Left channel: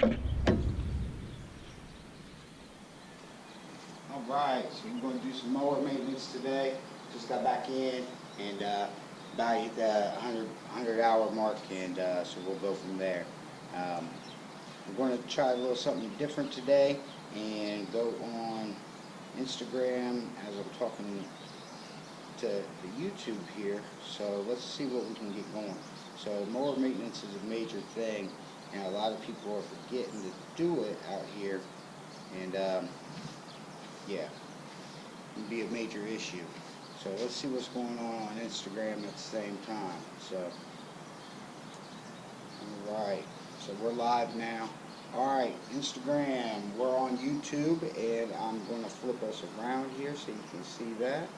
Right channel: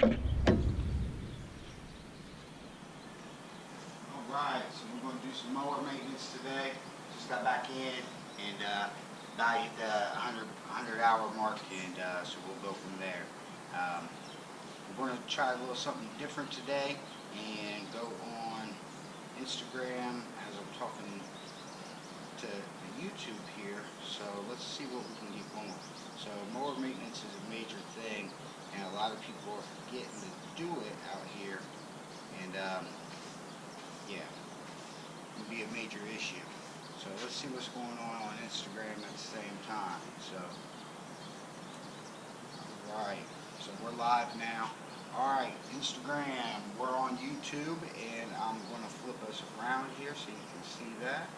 Alright, so we're going to do some mower maintenance today. Just got back in and about hit the 100 hour mark, and so we'll go from there. We're going to try a little something different today and go on Instagram as I'm talking to the YouTube here. So let's see what we can get going. So mower maintenance is a major thing, and a lot of people are forgetting to do it out here, and yeah, it can be a major issue. So let's see what's going on Instagram at the same time. So alright, so we're live now. Alright, Instagram, we're on YouTube, and I'm going to flip us around here so you can see that.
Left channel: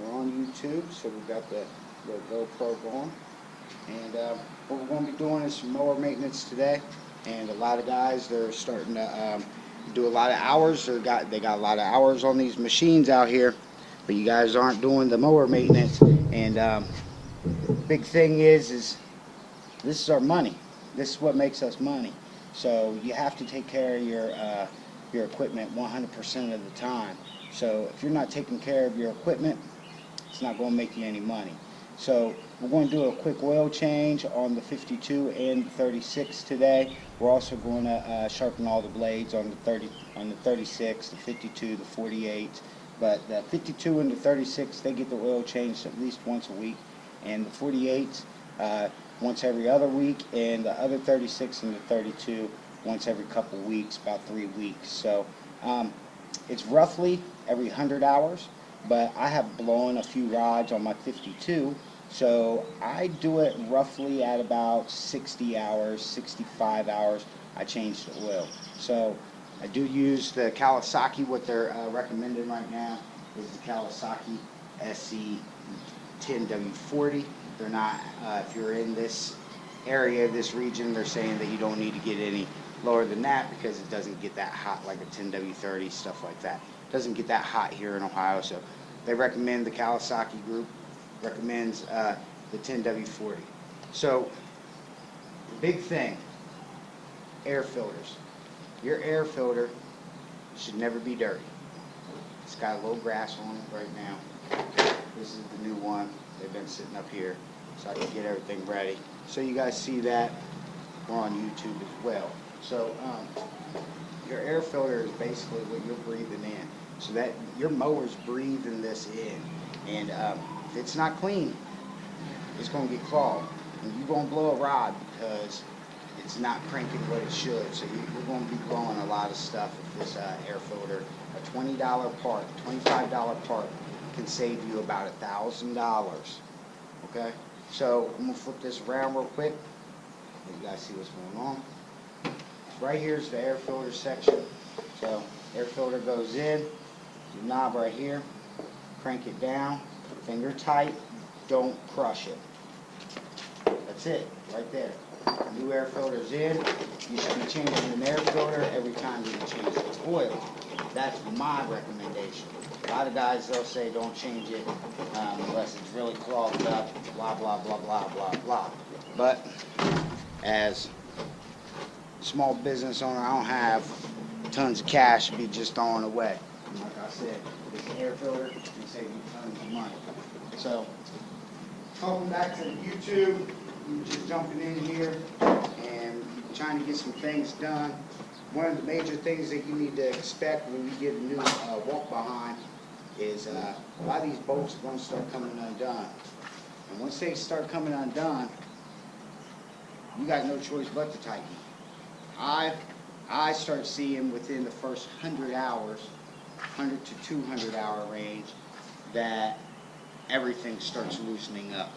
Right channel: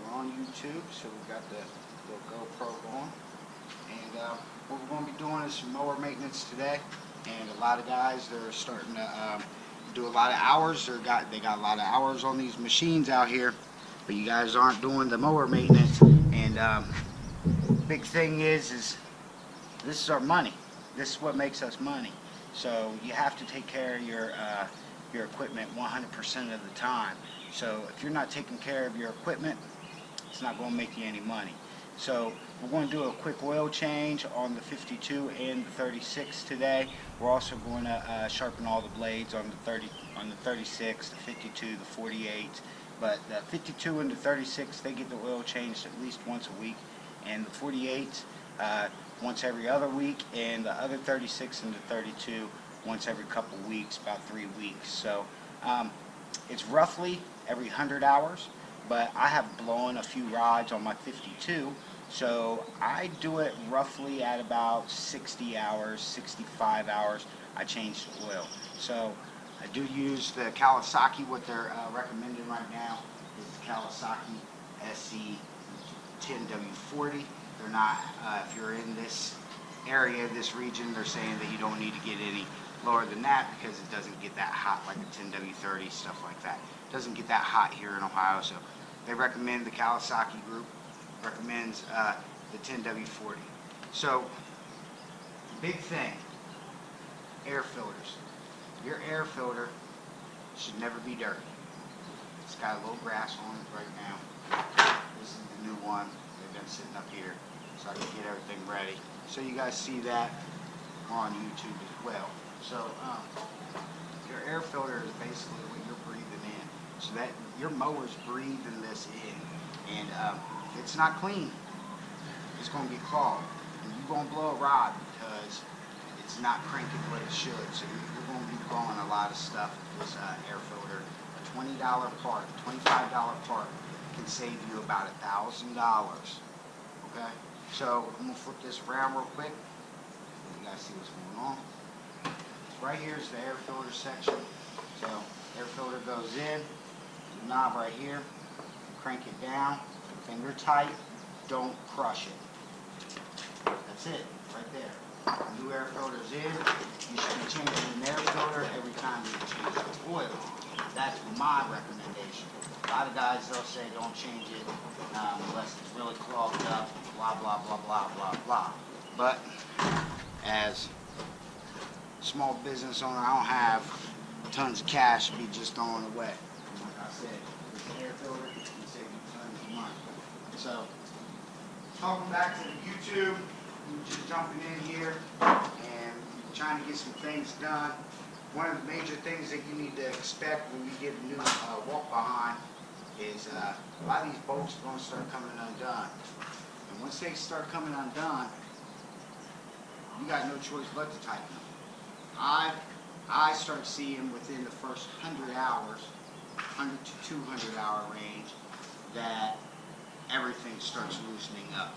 We're on YouTube, so we've got the little GoPro going. And what we're going to be doing is some mower maintenance today. And a lot of guys, they're starting to do a lot of hours. They got a lot of hours on these machines out here, but you guys aren't doing the mower maintenance. And big thing is this is our money. This is what makes us money. So you have to take care of your equipment 100% of the time. So if you're not taking care of your equipment, it's not going to make you any money. So we're going to do a quick oil change on the 52 and the 36 today. We're also going to sharpen all the blades on the 36, the 52, the 48. But the 52 and the 36, they get the oil changed at least once a week, and the 48 once every other week, and the other 36 and the 32 once every couple weeks, about 3 weeks. So it's roughly every 100 hours, but I have blown a few rods on my 52, so I do it roughly at about 60 hours, 65 hours. I change the oil. So I do use the Kawasaki. What they're recommending right now is the Kawasaki SC 10W40. They're not, if you're in this area, this region, they're saying that you don't need to get any lower than that because it doesn't get that hot like a 10W30, stuff like that. It doesn't get that hot here in Ohio, so they recommend, the Kawasaki group recommends the 10W40. So the big thing, air filters. Your air filter should never be dirty. It's got a little grass on it right now. This is the new one. They've been sitting up here so I can get everything ready. So you guys see that. We're on YouTube as well. So your air filter is basically what you're breathing in. So that your mower's breathing this in. And if it's not clean, it's going to get clogged. And you're going to blow a rod because it's not cranking what it should. So you're going to be blowing a lot of stuff if this air filter, a $20 part, $25 part, can save you about $1,000. Okay? So I'm going to flip this around real quick. Let you guys see what's going on. Right here is the air filter section. So air filter goes in, the knob right here, crank it down, finger tight, don't crush it. That's it, right there. New air filter's in. You should be changing an air filter every time you change the oil. That's my recommendation. A lot of guys, they'll say don't change it unless it's really clogged up, blah, blah, blah, blah, blah, blah. But as a small business owner, I don't have tons of cash to be just throwing away. And like I said, this air filter can save you tons of money. So, talking back to the YouTube, I'm just jumping in here and trying to get some things done. One of the major things that you need to expect when you get a new walk behind is a lot of these bolts are going to start coming undone. And once they start coming undone, you got no choice but to tighten them. I start seeing within the first 100 hours, 100 to 200 hour range, that everything starts loosening up.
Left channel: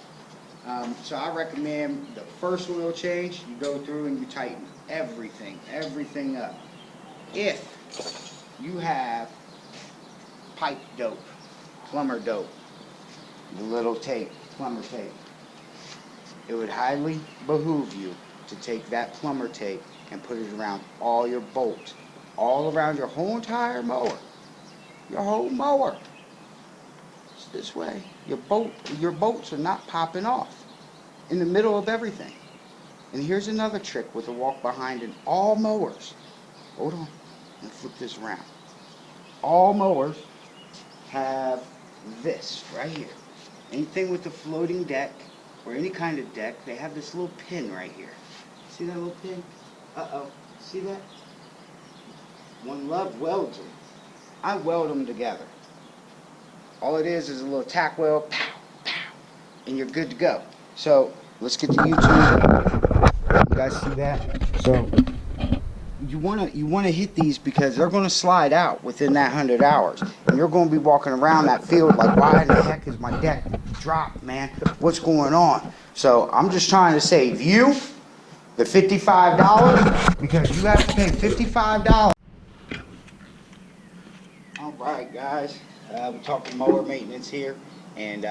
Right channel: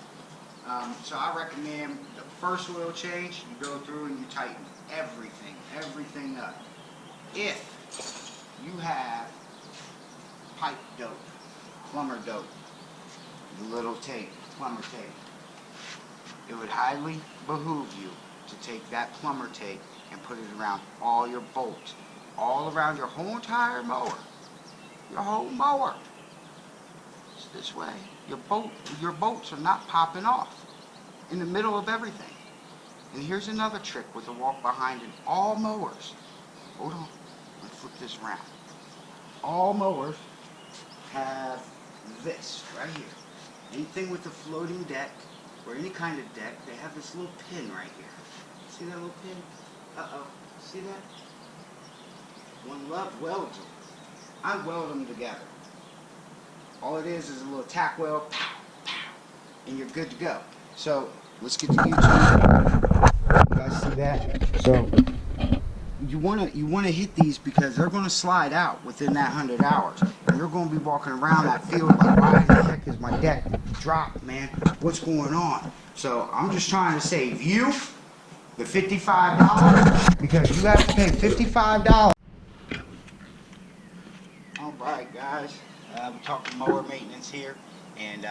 So I recommend the first oil change, you go through and you tighten everything up. If you have pipe dope, plumber dope, the little tape, plumber tape, it would highly behoove you to take that plumber tape and put it around all your bolts, all around your whole entire mower, your whole mower. It's this way. Your bolts are not popping off in the middle of everything. And here's another trick with a walk behind in all mowers. Hold on, let me flip this around. All mowers have this right here. Anything with a floating deck or any kind of deck, they have this little pin right here. See that little pin? Uh-oh. See that? OneLove welds them. I weld them together. All it is a little tack weld, pow, pow, and you're good to go. So let's get to YouTube. You guys see that? So you wanna hit these because they're gonna slide out within that 100 hours, and you're gonna be walking around that field like, why in the heck is my deck dropped, man? What's going on? So I'm just trying to save you the $55 because you have to pay $55. All right, guys, we're talking mower maintenance here, and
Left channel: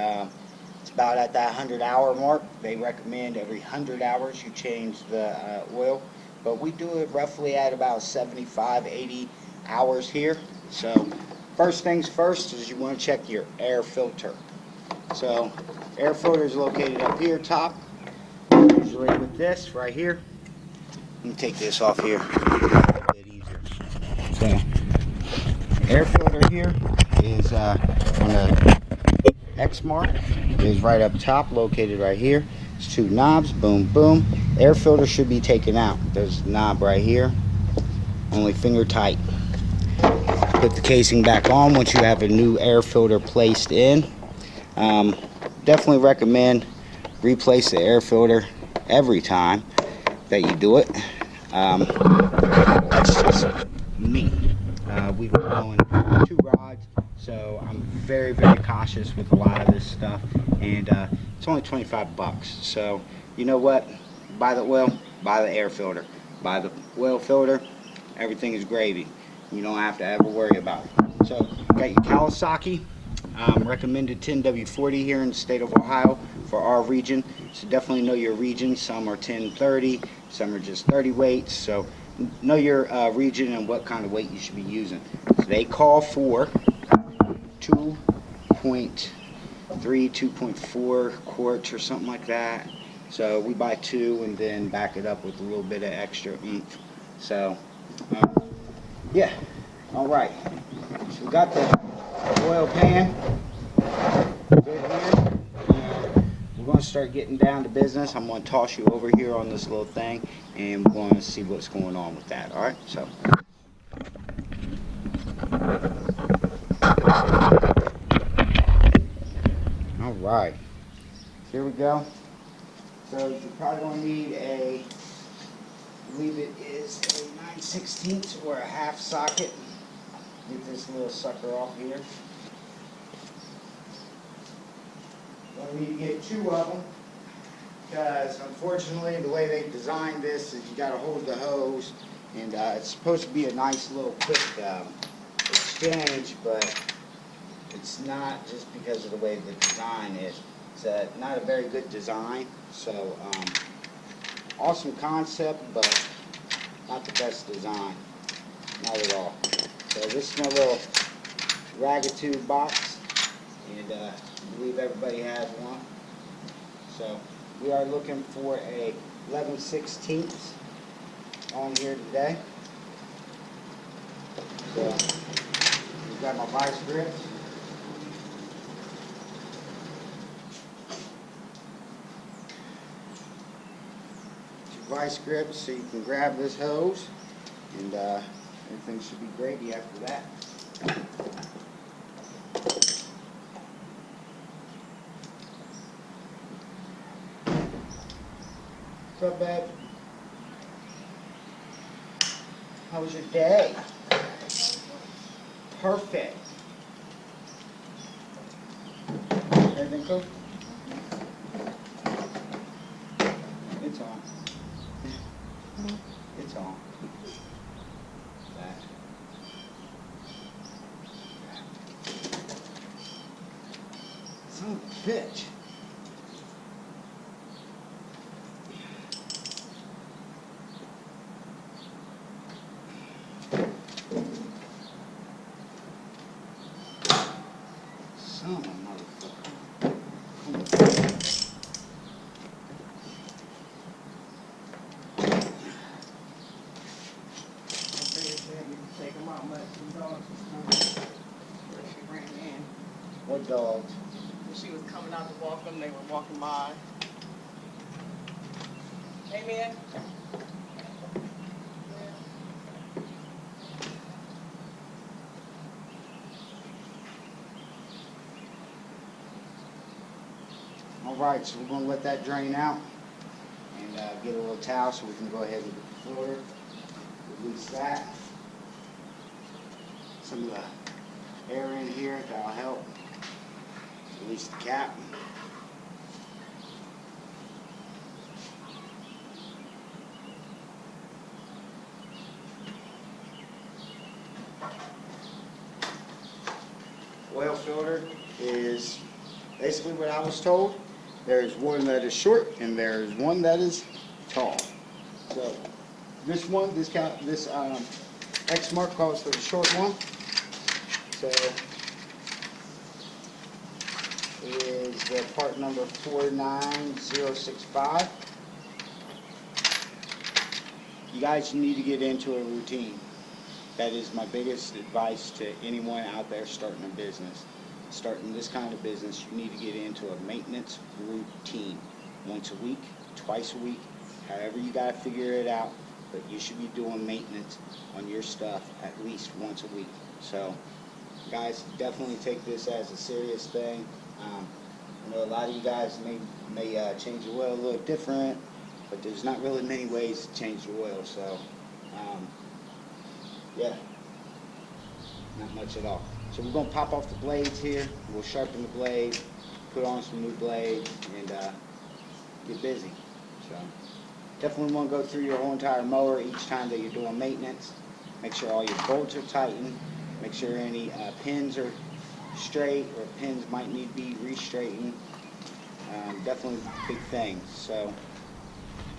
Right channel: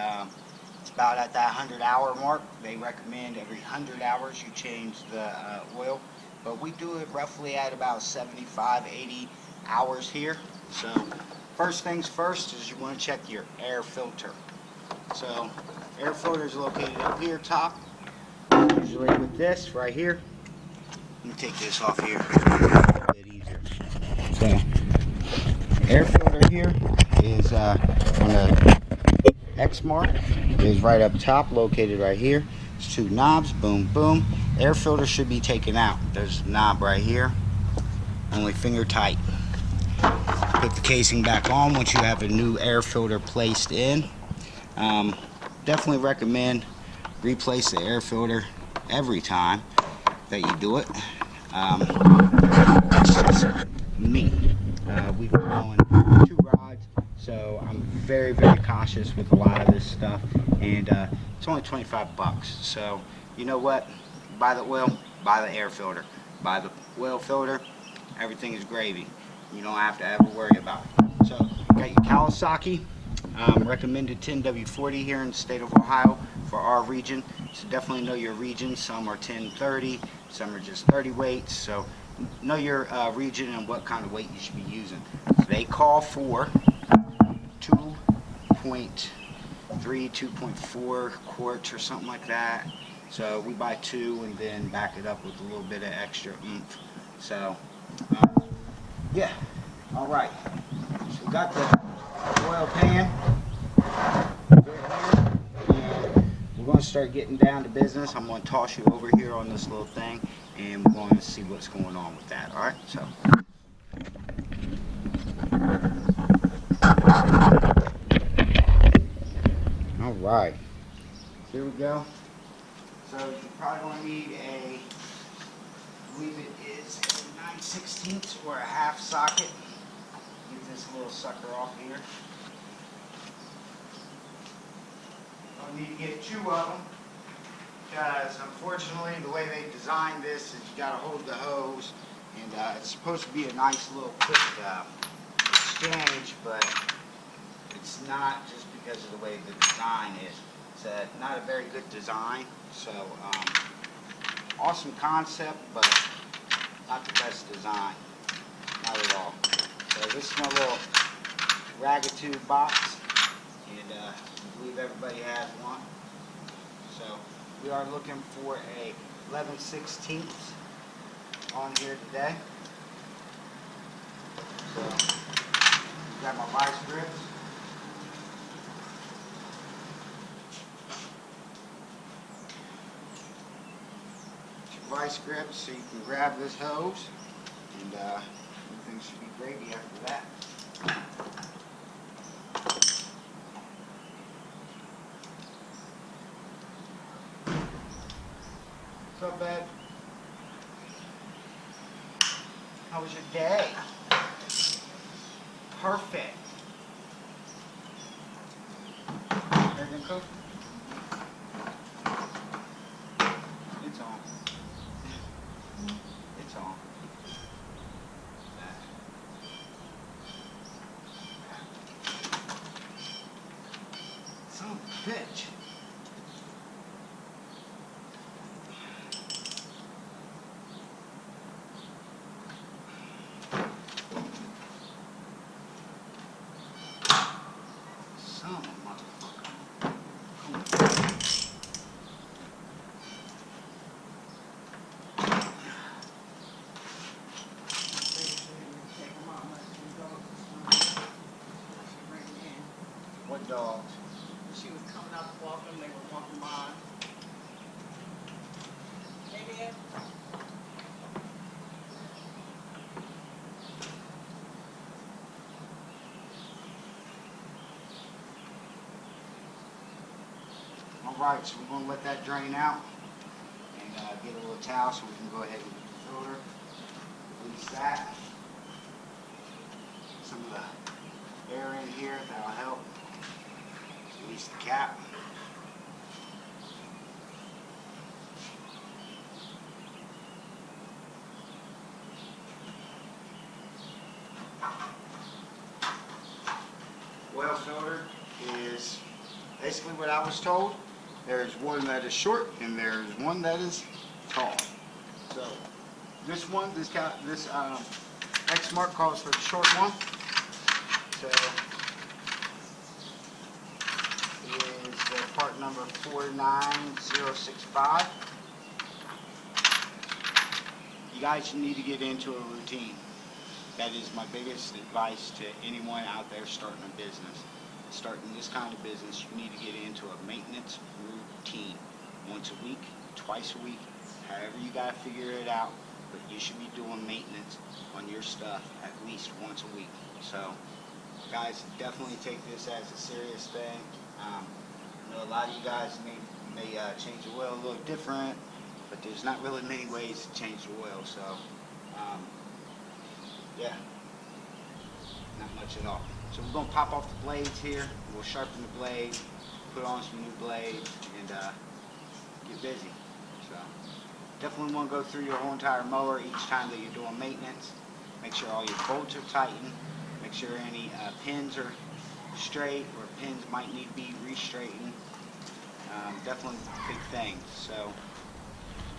it's about at that 100-hour mark. They recommend every 100 hours you change the oil, but we do it roughly at about 75, 80 hours here. So first things first is you want to check your air filter. So air filter is located up here top, usually with this right here. Let me take this off here, a little bit easier. So air filter here is on the eXMark, is right up top, located right here. It's two knobs, boom, boom. Air filter should be taken out. There's a knob right here, only finger tight. Put the casing back on once you have a new air filter placed in. Definitely recommend replace the air filter every time that you do it. That's just me. We've been blowing 2 rods, so I'm very, very cautious with a lot of this stuff, and it's only 25 bucks. So you know what? Buy the oil, buy the air filter, buy the oil filter, everything is gravy. You don't have to ever worry about it. So got your Kawasaki recommended 10W40 here in the state of Ohio for our region. So definitely know your region. Some are 1030, some are just 30 weights. So know your region and what kind of weight you should be using. So they call for 2.3, 2.4 quarts or something like that. So we buy 2 and then back it up with a little bit of extra oomph. So yeah, all right. So we got the oil pan good here, and we're going to start getting down to business. I'm going to toss you over here on this little thing, and we're going to see what's going on with that. All right, so all right, here we go. So you're probably going to need I believe it is a 9/16 or a half socket. Get this little sucker off here. Don't need to get 2 of them, because unfortunately the way they designed this is you got to hold the hose, and it's supposed to be a nice little quick exchange, but it's not, just because of the way the design is. It's not a very good design. So awesome concept, but not the best design, not at all. So this is my little ragged box, and I believe everybody has one. So we are looking for a 11/16 on here today. So we've got my vice grips. Your vice grips, so you can grab this hose, and everything should be gravy after that. What's up, babe? How was your day? Perfect. Everything cool? It's on. It's on. That. Son of a bitch. Son of a motherfucker. Come on. What dogs? When she was coming out to walk them, they were walking by. Hey, man. Alright, so we're going to let that drain out and get a little towel so we can go ahead and get the filter. Release that. Some of the air in here, that'll help. Release the cap. Oil filter is basically what I was told. There's one that is short and there's one that is tall. So this one, this eXMark calls for the short one. So is the part number 49065. You guys need to get into a routine. That is my biggest advice to anyone out there starting a business. Starting this kind of business, you need to get into a maintenance routine. Once a week, twice a week, however you got to figure it out, but you should be doing maintenance on your stuff at least once a week. So guys, definitely take this as a serious thing. I know a lot of you guys may change the oil a little different, but there's not really many ways to change the oil. So yeah, not much at all. So we're going to pop off the blades here. We'll sharpen the blade, put on some new blades, and get busy. So definitely want to go through your whole entire mower each time that you're doing maintenance. Make sure all your bolts are tightened. Make sure any pins are straight, or pins might need to be re-straightened. Definitely big things. So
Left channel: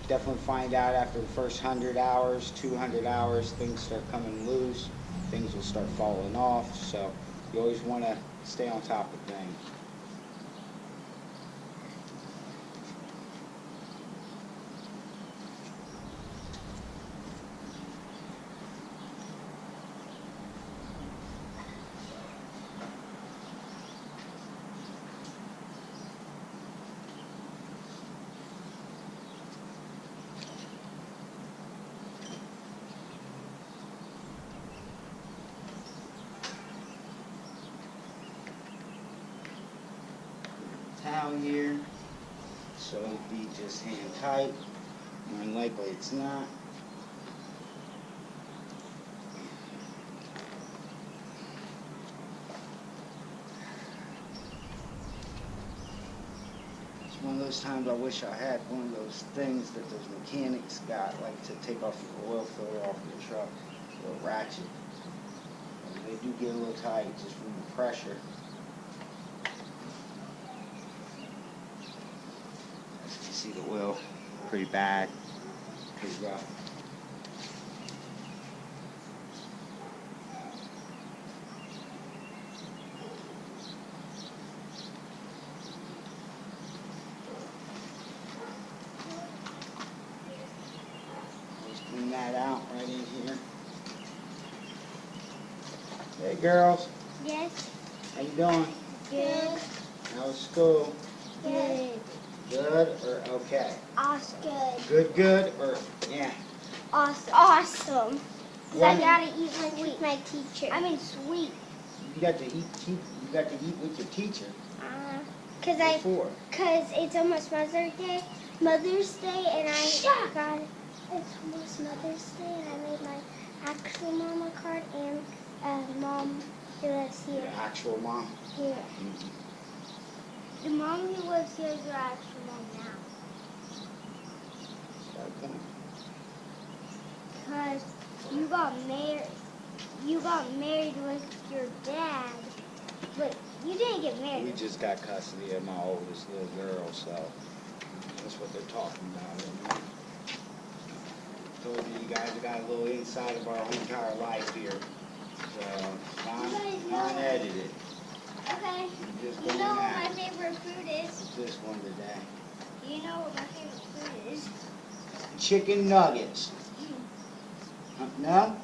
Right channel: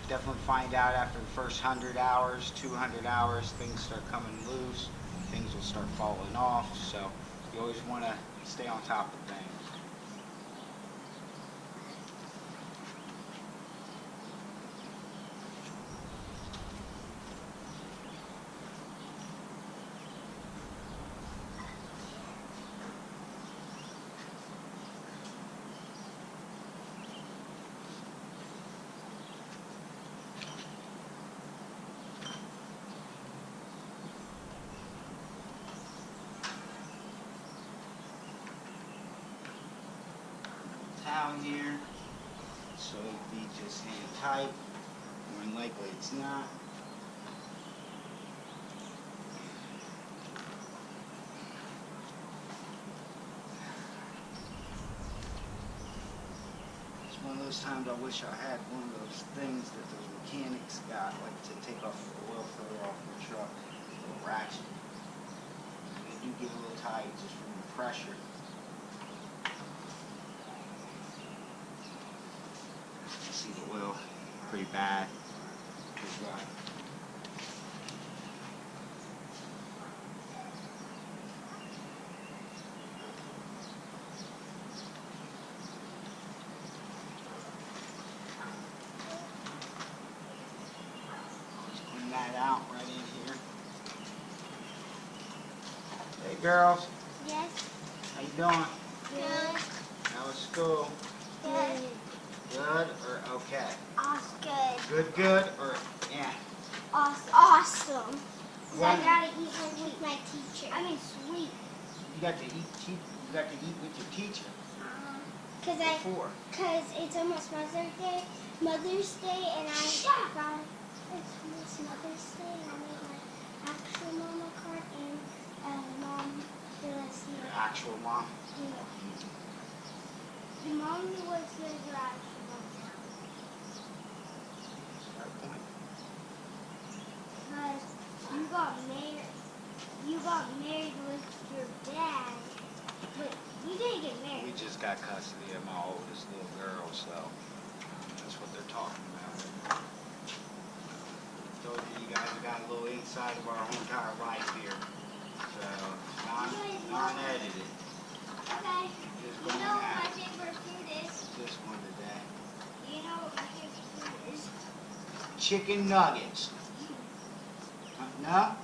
definitely find out after the first 100 hours, 200 hours, things start coming loose. Things will start falling off. So you always want to stay on top of things. Towel here, so it'd be just hand tight. More than likely it's not. It's one of those times I wish I had one of those things that those mechanics got, like to take off your oil filter off your truck, a little ratchet. And they do get a little tight just from the pressure. See the oil, pretty bad, pretty rough. Always clean that out right in here. Hey girls. Yes. How you doing? Good. How was school? Good. Good or okay? Awesome. Good or yeah? Awesome. Awesome. What? I gotta eat with my teacher. I mean sweet. You got to eat. You got to eat with your teacher. Cause it's almost Mother's Day. And it's almost Mother's Day, and I made my actual mama card and mom did I see Your actual mom. Yeah. Mm-hmm. The mom who lives here is your actual mom now. Got a point. Cause you got married with your dad, but you didn't get married. We just got custody of my oldest little girl, so that's what they're talking about. Told you guys have got a little insight of our whole entire life here. So non-edited. Okay. Just You going know what at my it. favorite food is? What's this one today? You know what my favorite food is? Chicken nuggets. No?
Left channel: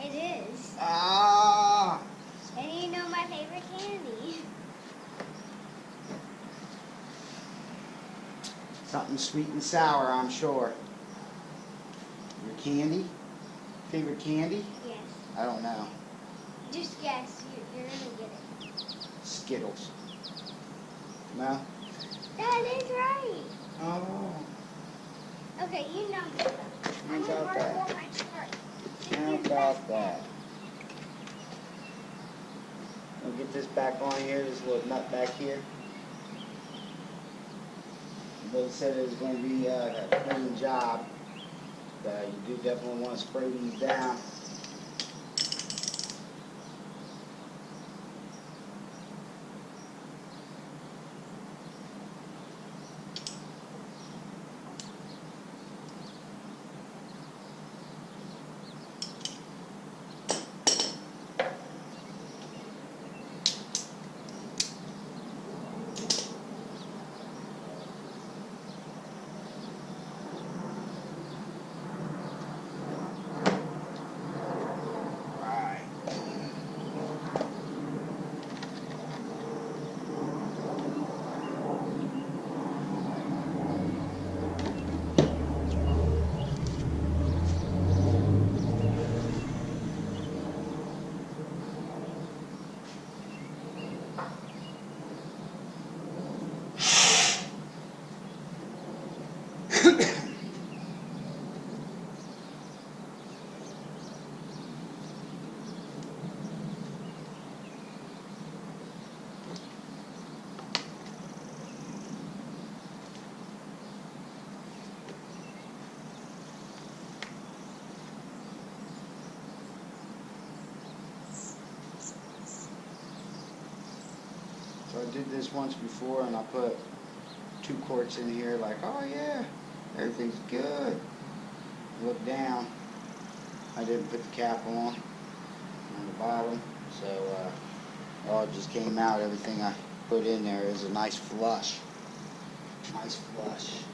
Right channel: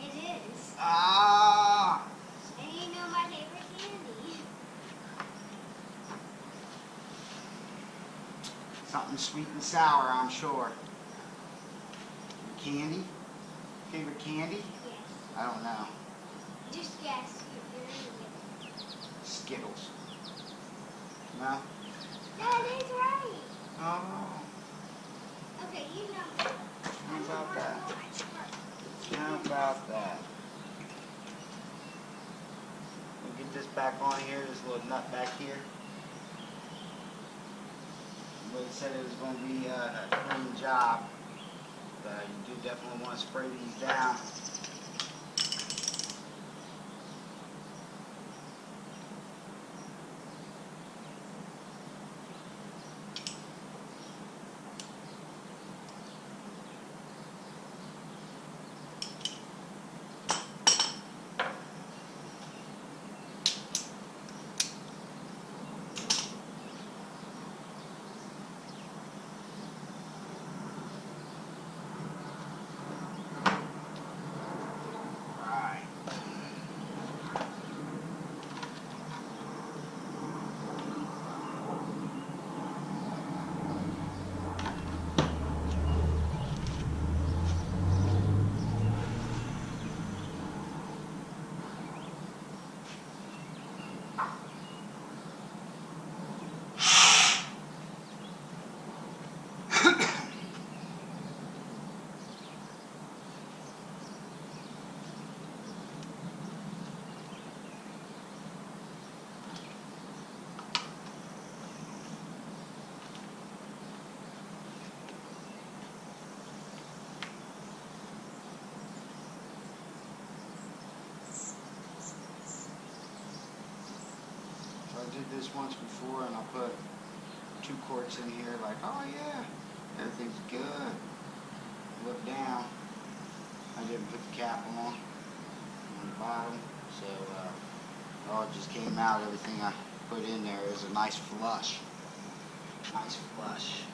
It is. Ah! And you know my favorite candy? Something sweet and sour, I'm sure. Your candy? Favorite candy? Yes. I don't know. Just guess. You're gonna get it. Skittles. No? That is right. Oh. Okay, you know. How about that? How about that? We'll get this back on here, this little nut back here. But it said it was going to be a clean job. But you do definitely want to spray these down. So I did this once before and I put 2 quarts in here like, oh yeah, everything's good. Look down. I didn't put the cap on the bottom, so it all just came out. Everything I put in there is a nice flush. Nice flush.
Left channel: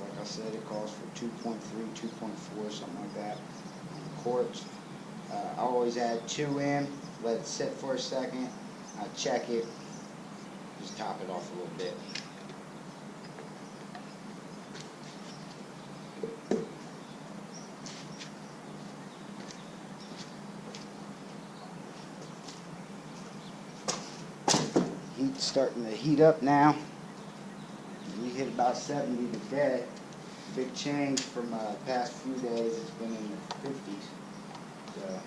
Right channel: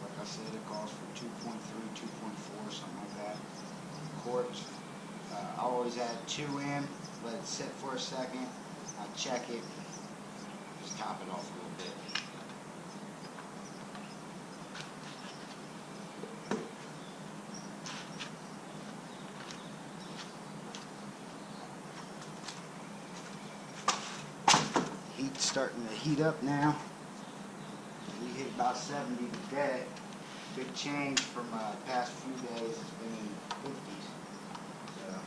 Like I said, it calls for 2.3, 2.4, something like that on the quarts. I always add 2 in, let it sit for a second. I check it, just top it off a little bit. Heat's starting to heat up now. We hit about 70 today. Big change from the past few days. It's been in the 50s. So,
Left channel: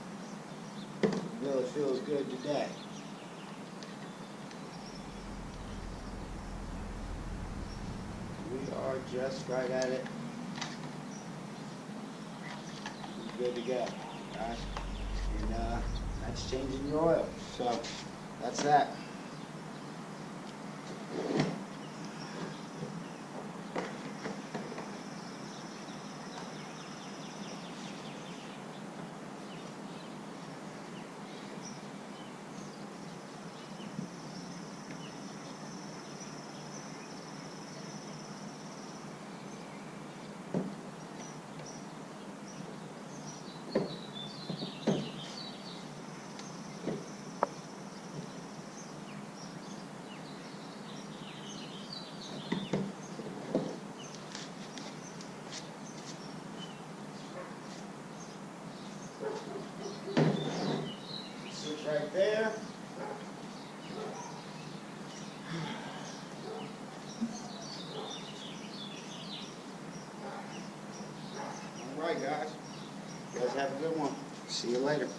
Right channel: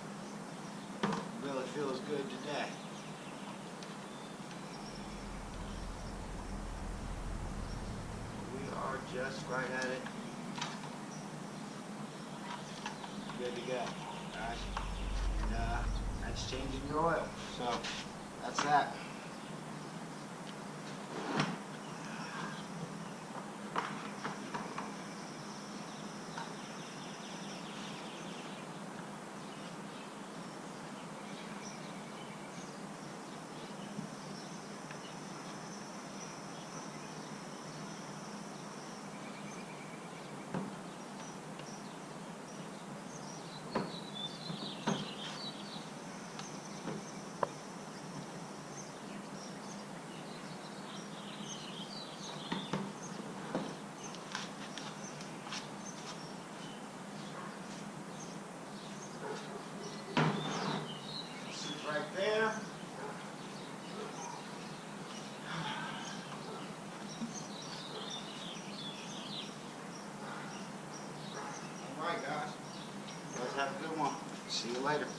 it really feels good today. We are just right at it. Good to go, guys. And that's changing your oil. So, that's that. Right there. All right, guys. You guys have a good one. See you later.